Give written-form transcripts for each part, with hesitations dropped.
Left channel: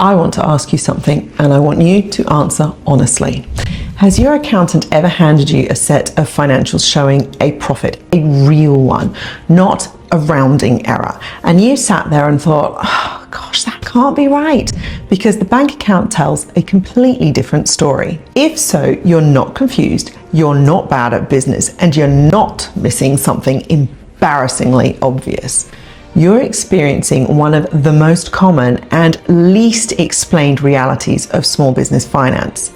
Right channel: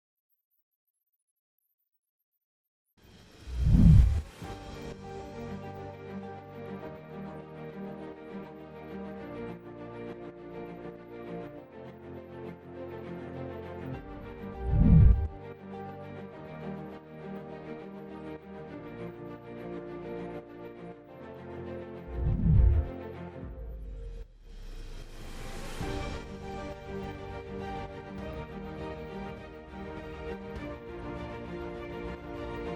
I want to ask you something, and I want you to answer honestly. Has your accountant ever handed you a set of financials showing a profit, a real one, not a rounding error? And you sat there and thought, oh gosh, that can't be right, because the bank account tells a completely different story. If so, you're not confused, you're not bad at business, and you're not missing something embarrassingly obvious. You're experiencing one of the most common and least explained realities of small business finance.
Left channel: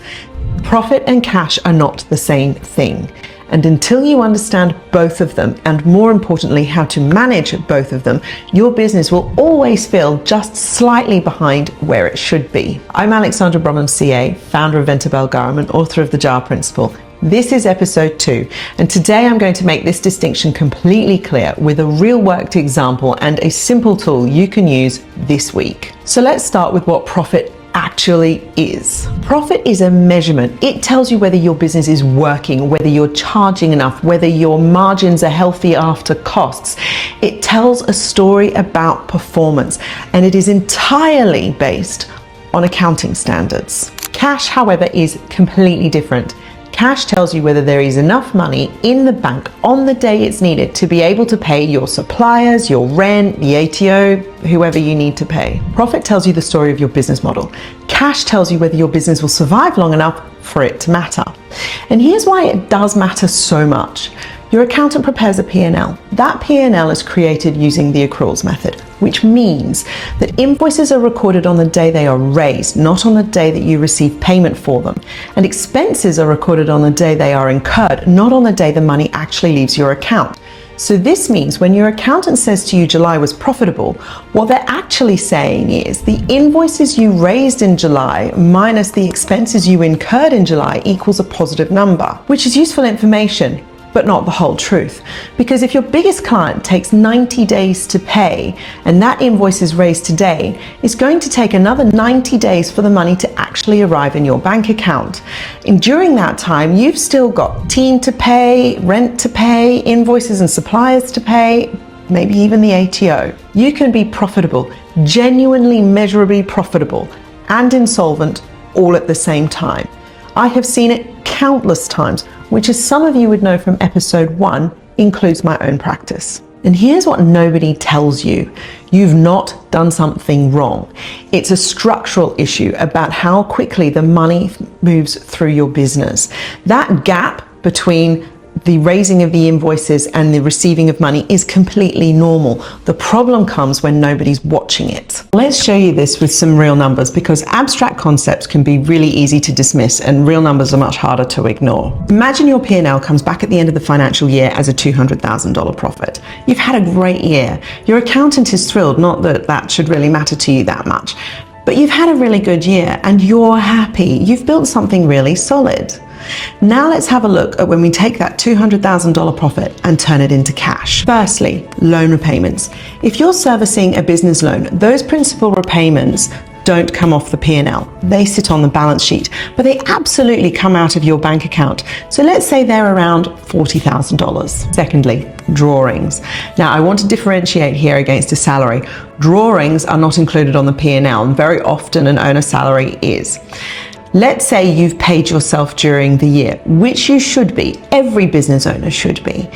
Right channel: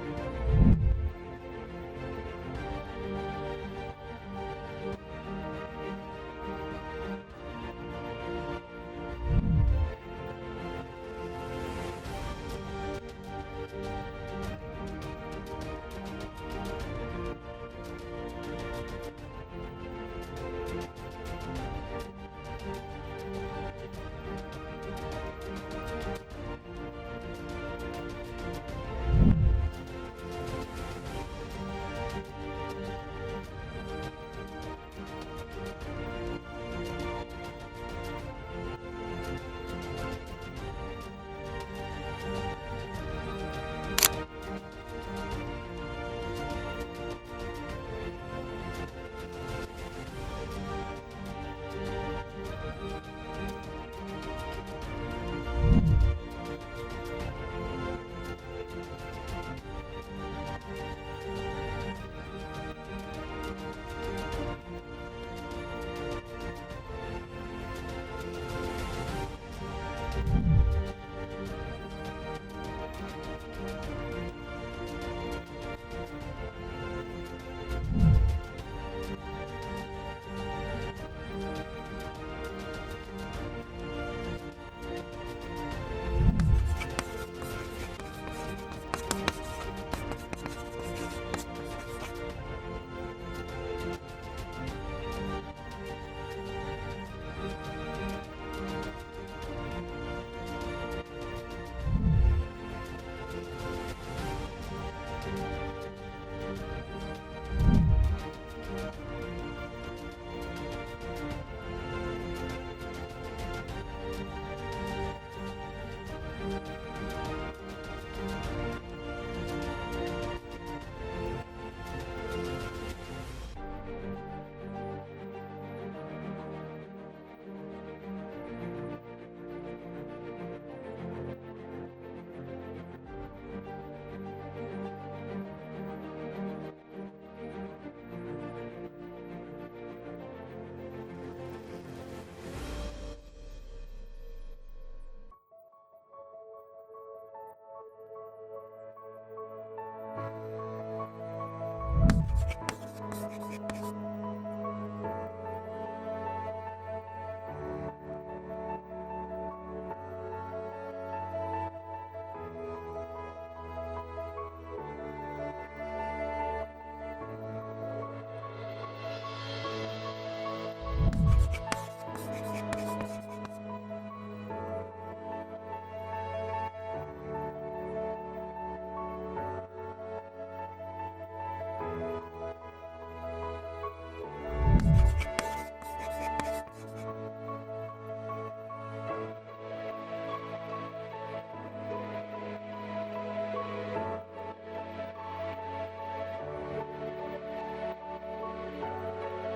Profit and cash are not the same thing. And until you understand both of them, and more importantly, how to manage both of them, your business will always feel just slightly behind where it should be. I'm Alexandra Bromham, CA, founder of Ventabel Garum and author of The JAR Principle. This is episode 2, and today I'm going to make this distinction completely clear with a real worked example and a simple tool you can use this week. So let's start with what profit actually is. Profit is a measurement. It tells you whether your business is working, whether you're charging enough, whether your margins are healthy after costs. It tells a story about performance, and it is entirely based on accounting standards. Cash, however, is completely different. Cash tells you whether there is enough money in the bank on the day it's needed to be able to pay your suppliers, your rent, the ATO, whoever you need to pay. Profit tells you the story of your business model. Cash tells you whether your business will survive long enough for it to matter. And here's why it does matter so much. Your accountant prepares a P&L. That P&L is created using the accruals method, which means that invoices are recorded on the day they are raised, not on the day that you receive payment for them. And expenses are recorded on the day they are incurred, not on the day the money actually leaves your account. So this means when your accountant says to you July was profitable, what they're actually saying is the invoices you raised in July minus the expenses you incurred in July equals a positive number, which is useful information, but not the whole truth. Because if your biggest client takes 90 days to pay and that invoice is raised today, it's going to take another 90 days for the money to actually arrive in your bank account. And during that time, you've still got team to pay, rent to pay, invoices and suppliers to pay, maybe even the ATO. You can be profitable, genuinely measurably profitable, and insolvent all at the same time. I have seen it countless times, which, as some of you would know from episode 1, includes my own practice. And here's what nobody tells you. You've not done something wrong. It's a structural issue about how quickly the money moves through your business. That gap between the raising of the invoices and the receiving of money is completely normal. The problem comes when nobody's watching it. Let's show you this with some real numbers, because abstract concepts can be really easy to dismiss and real numbers are much harder to ignore. Imagine your P&L comes back at the end of the financial year as a $200,000 profit. You've had a great year. Your accountant is thrilled, not that that should really matter to you that much, but you've had a really good year and you're happy. You've built something really solid. Now let's have a look at when we take that $200,000 profit and turn it into cash. Firstly, loan repayments. If you're servicing a business loan, those principal repayments don't come off the P&L. They sit on the balance sheet, but they absolutely come out of your bank account. So let's say they're around $40,000. Secondly, drawings. Now I want to differentiate here against a salary. Drawings are not included on the P&L, and very often an owner's salary is. Let's say you've paid yourself during the year, which you should be. Every business owner should be.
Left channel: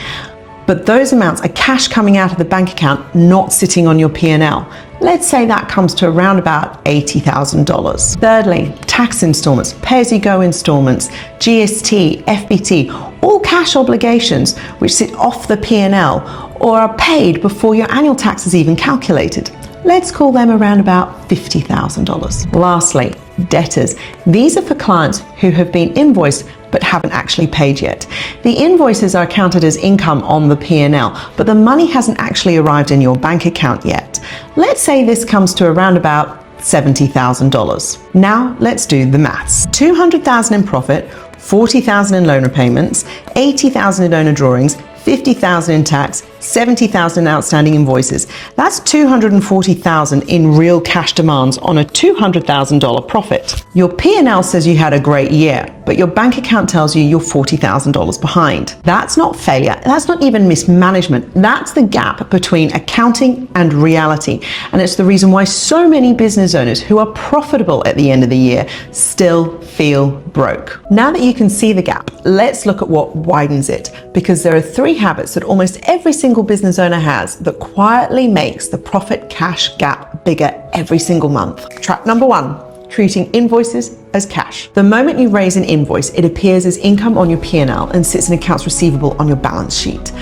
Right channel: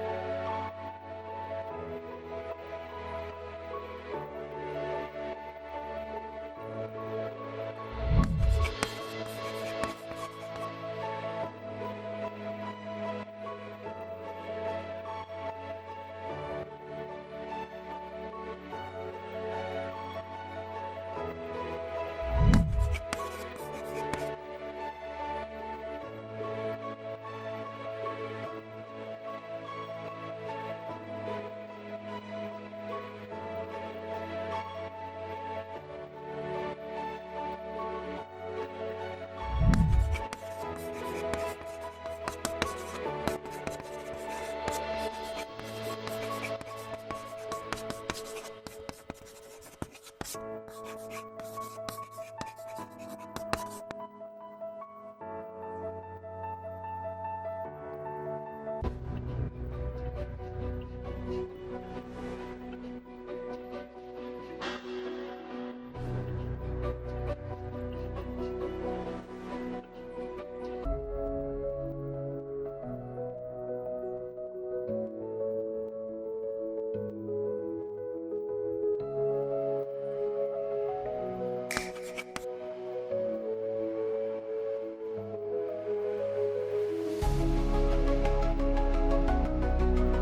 But those amounts are cash coming out of the bank account, not sitting on your P&L. Let's say that comes to around about $80,000. Thirdly, tax installments, pay-as-you-go installments, GST, FBT, all cash obligations which sit off the P&L or are paid before your annual tax is even calculated. Let's call them around about $50,000. Lastly, debtors. These are for clients who have been invoiced but haven't actually paid yet. The invoices are counted as income on the P&L, but the money hasn't actually arrived in your bank account yet. Let's say this comes to around about $70,000. Now let's do the maths. $200,000 in profit, $40,000 in loan repayments, $80,000 in owner drawings, 50,000 in tax, 70,000 in outstanding invoices. That's 240,000 in real cash demands on a $200,000 profit. Your P&L says you had a great year, but your bank account tells you you're $40,000 behind. That's not failure. That's not even mismanagement. That's the gap between accounting and reality. And it's the reason why so many business owners who are profitable at the end of the year still feel broke. Now that you can see the gap, let's look at what widens it, because there are 3 habits that almost every single business owner has that quietly makes the profit cash gap bigger every single month. Trap number 1, treating invoices as cash. The moment you raise an invoice, it appears as income on your P&L and sits in accounts receivable on your balance sheet.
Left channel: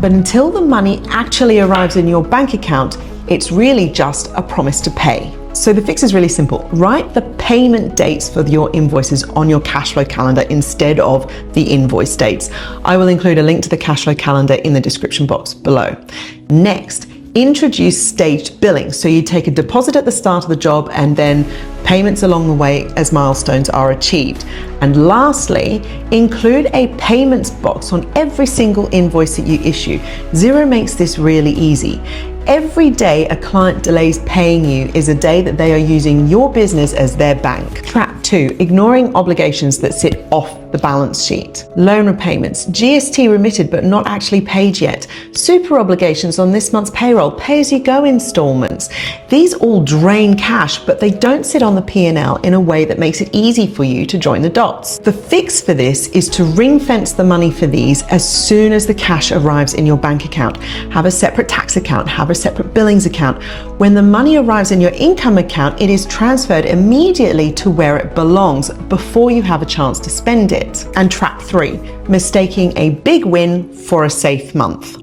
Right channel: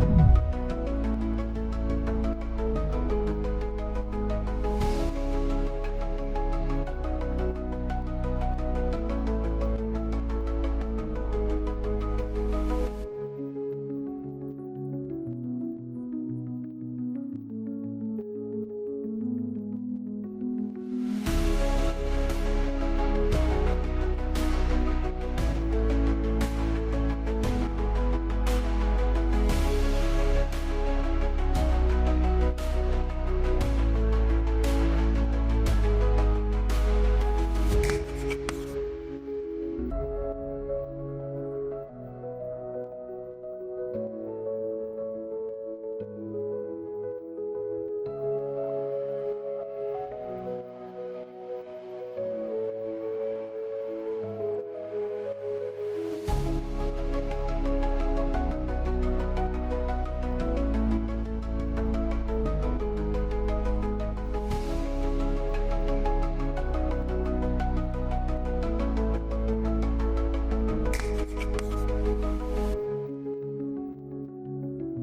But until the money actually arrives in your bank account, it's really just a promise to pay. So the fix is really simple. Write the payment dates for your invoices on your cash flow calendar instead of the invoice dates. I will include a link to the cash flow calendar in the description box below. Next, introduce staged billing. So you take a deposit at the start of the job and then payments along the way as milestones are achieved. And lastly, include a payments box on every single invoice that you issue. Xero makes this really easy. Every day a client delays paying you is a day that they are using your business as their bank. Trap 2, ignoring obligations that sit off the balance sheet. Loan repayments, GST remitted but not actually paid yet. Super obligations on this month's payroll, pay-as-you-go installments. These all drain cash, but they don't sit on the P&L in a way that makes it easy for you to join the dots. The fix for this is to ring-fence the money for these as soon as the cash arrives in your bank account. Have a separate tax account, have a separate billings account. When the money arrives in your income account, it is transferred immediately to where it belongs before you have a chance to spend it. And trap 3, mistaking a big win for a safe month.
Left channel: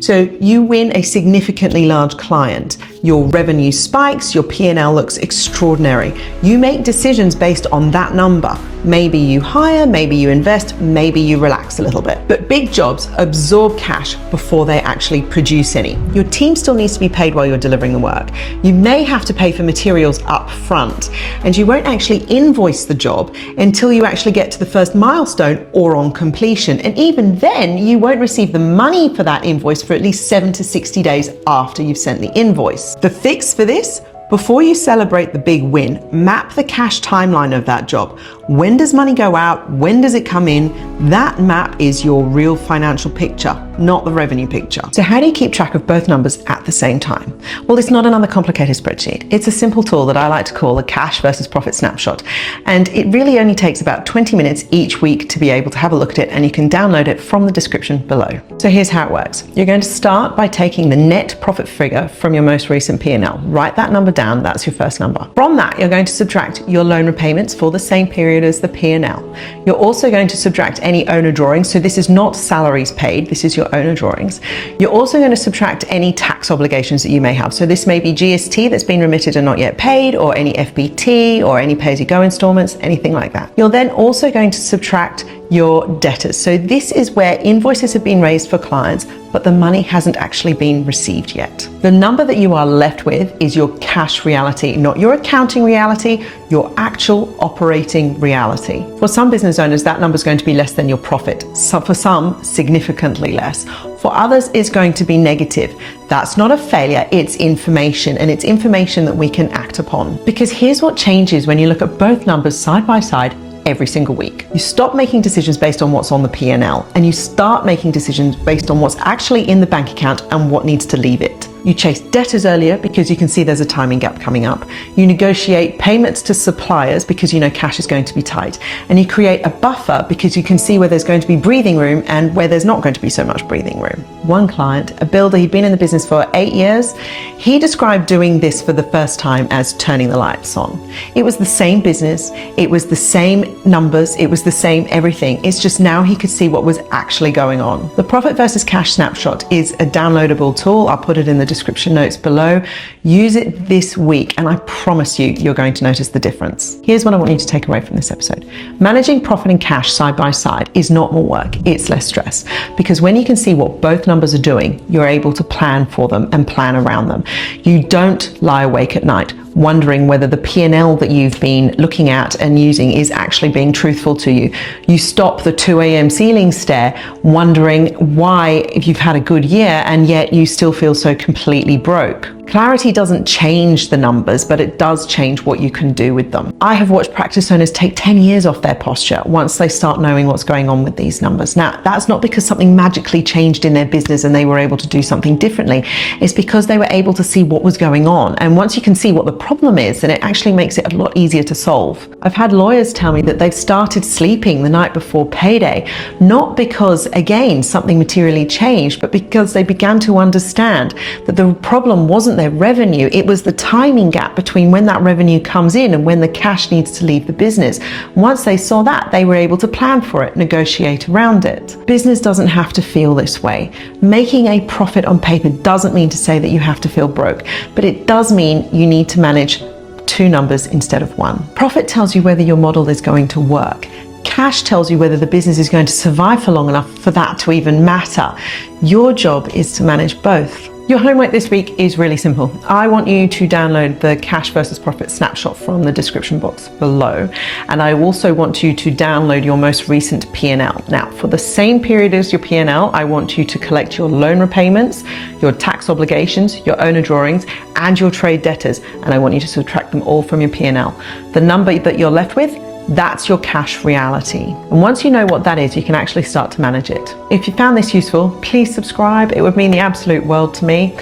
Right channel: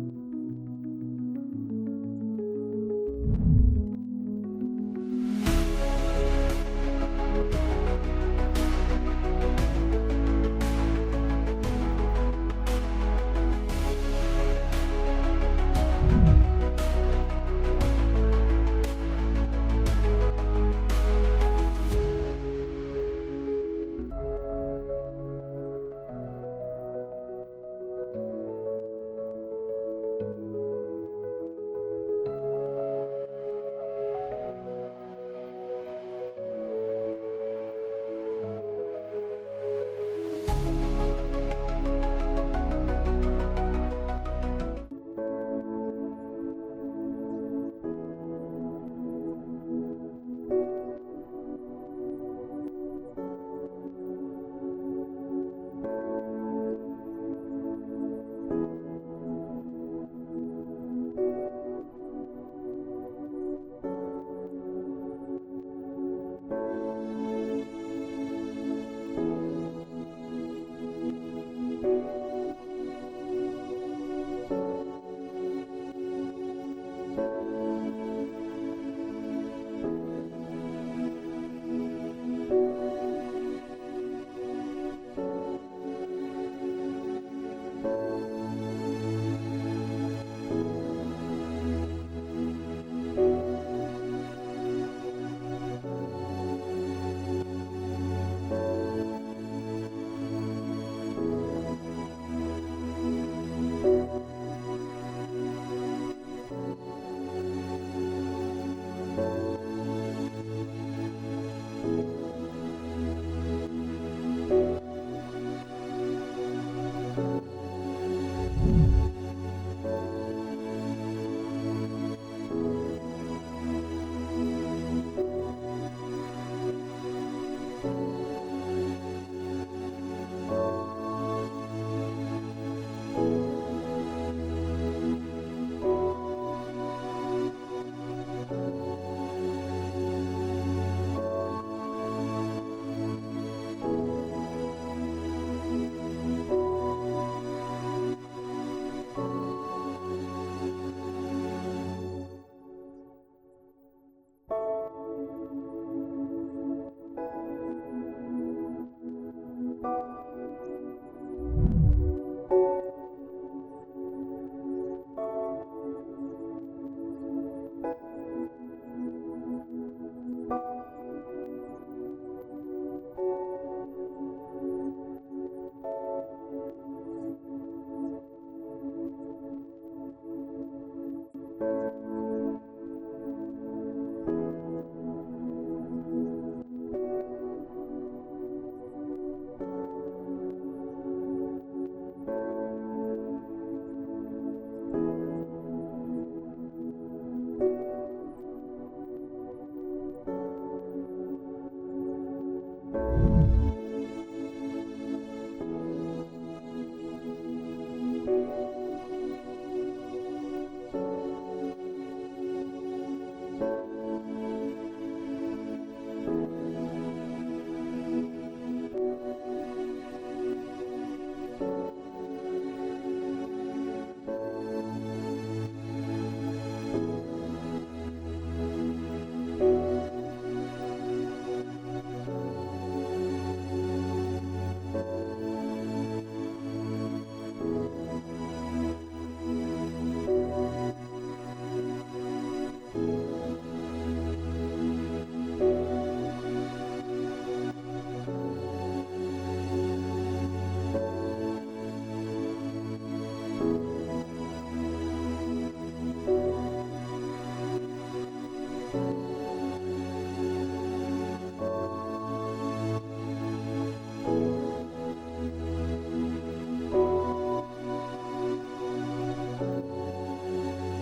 So you win a significantly large client. Your revenue spikes, your P&L looks extraordinary. You make decisions based on that number. Maybe you hire, maybe you invest, maybe you relax a little bit. But big jobs absorb cash before they actually produce any. Your team still needs to be paid while you're delivering the work. You may have to pay for materials up front, and you won't actually invoice the job until you actually get to the first milestone or on completion. And even then, you won't receive the money for that invoice for at least 7 to 60 days after you've sent the invoice. The fix for this? Before you celebrate the big win, map the cash timeline of that job. When does money go out? When does it come in? That map is your real financial picture, not the revenue picture. So how do you keep track of both numbers at the same time? Well, it's not another complicated spreadsheet. It's a simple tool that I like to call a cash versus profit snapshot. And it really only takes about 20 minutes each week to be able to have a look at it, and you can download it from the description below. So here's how it works. You're going to start by taking the net profit figure from your most recent P&L. Write that number down. That's your first number. From that, you're going to subtract your loan repayments for the same period as the P&L. You're also going to subtract any owner drawings. So this is not salaries paid. This is your owner drawings. You're also going to subtract any tax obligations that you may have. So this may be GST that's been remitted and not yet paid, or any FBT, or any pay-as-you-go installments, anything like that. You're then also going to subtract your debtors. So this is where invoices have been raised for clients, but the money hasn't actually been received yet. The number that you are left with is your cash reality, not your accounting reality, your actual operating reality. For some business owners, that number is going to be less than your profit. So for some, significantly less. For others, it's going to be negative. That's not a failure, it's information, and it's information that we can act upon. Because here's what changes when you look at both numbers side by side every single week. You stop making decisions based on what's on the P&L, and you start making decisions based on what's actually in the bank account and what needs to leave it. You chase debtors earlier because you can see there's a timing gap coming up. You negotiate payments to suppliers because you know cash is going to be tight. And you create a buffer because you can see where there's going to be breathing room and where there's not going to be so much breathing room. One client, a builder, he'd been in the business for 8 years. He described doing this for the first time as turning the lights on. It was the same business, it was the same numbers, it was the same everything. It's just now he could see what was actually going on. The Profit versus Cash Snapshot is a downloadable tool. I'll put it in the description notes below. Use it this week and I promise you, you're going to notice the difference. Here's what I want you to take away from this episode. Managing profit and cash side by side is not more work, it's less stress. Because when you can see what both numbers are doing, you're able to plan for them and plan around them. You don't lie awake at night wondering whether the P&L that you've been looking at and using is actually being truthful to you. You stop the 2 a.m. ceiling stare, wondering why, if you've had a good year and yet you still feel so completely broke. Clarity doesn't change the numbers, but it does change what you can do with them. I have watched practice owners take 10 years off their posture once they start knowing what's going on with these numbers. Now, that's not because something magically changed in their business and they were able to do something differently. It's because they were able to see what was going on. And once you can see what the problem is, then it actually makes it a lot easier to solve. I've had lawyers tell me that they've started sleeping the night before payday, not because, again, something materially changed, but because they began to understand that the problem wasn't their revenue, it was the timing gap between when that revenue comes in and when the cash needs to leave the business. Once they saw that, they were able to plan for it, negotiate around it. Business doesn't have to feel this way. Making a profit on paper doesn't mean to say that you have to feel broke, but it does mean you need to manage 2 numbers instead of 1. Profit tells you whether your model is going to work. Cash tells you whether the business is going to survive for long enough for that to even matter. Your job is to manage both. Your homework this week is really simple. I want you to download the cash versus profit snapshot from the description box below. And I also want you to download your most recent P&L. Now, for the same period as your P&L, I want you to collect your loan repayments, your tax obligations, your owner drawings, and your trade debtors. And I want you to subtract them all from your P&L. The number that you're left with, that's your cash reality. And once you know what that is, you can actually start to manage it. If you found this useful, please subscribe. It would mean the absolute world to me.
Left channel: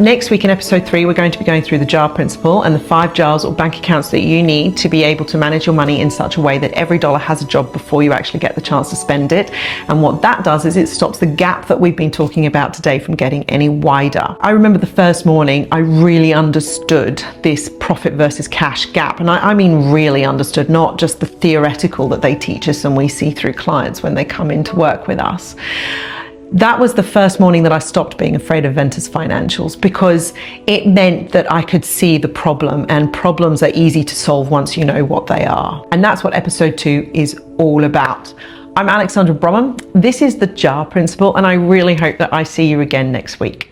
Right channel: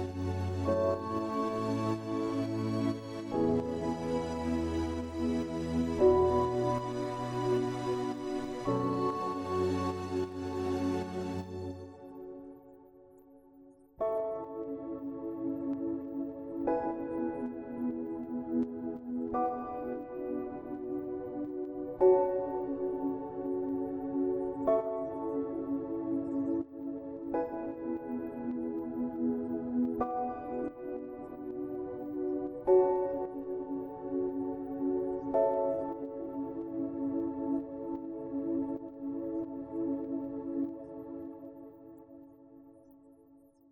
Next week in episode 3, we're going to be going through the jar principle and the 5 jars or bank accounts that you need to be able to manage your money in such a way that every dollar has a job before you actually get the chance to spend it. And what that does is it stops the gap that we've been talking about today from getting any wider. I remember the first morning I really understood this profit versus cash gap. And I mean really understood, not just the theoretical that they teach us and we see through clients when they come in to work with us. That was the first morning that I stopped being afraid of Ventus financials, because it meant that I could see the problem, and problems are easy to solve once you know what they are. And that's what episode 2 is all about. I'm Alexandra Bromham. This is the JAR principle, and I really hope that I see you again next week.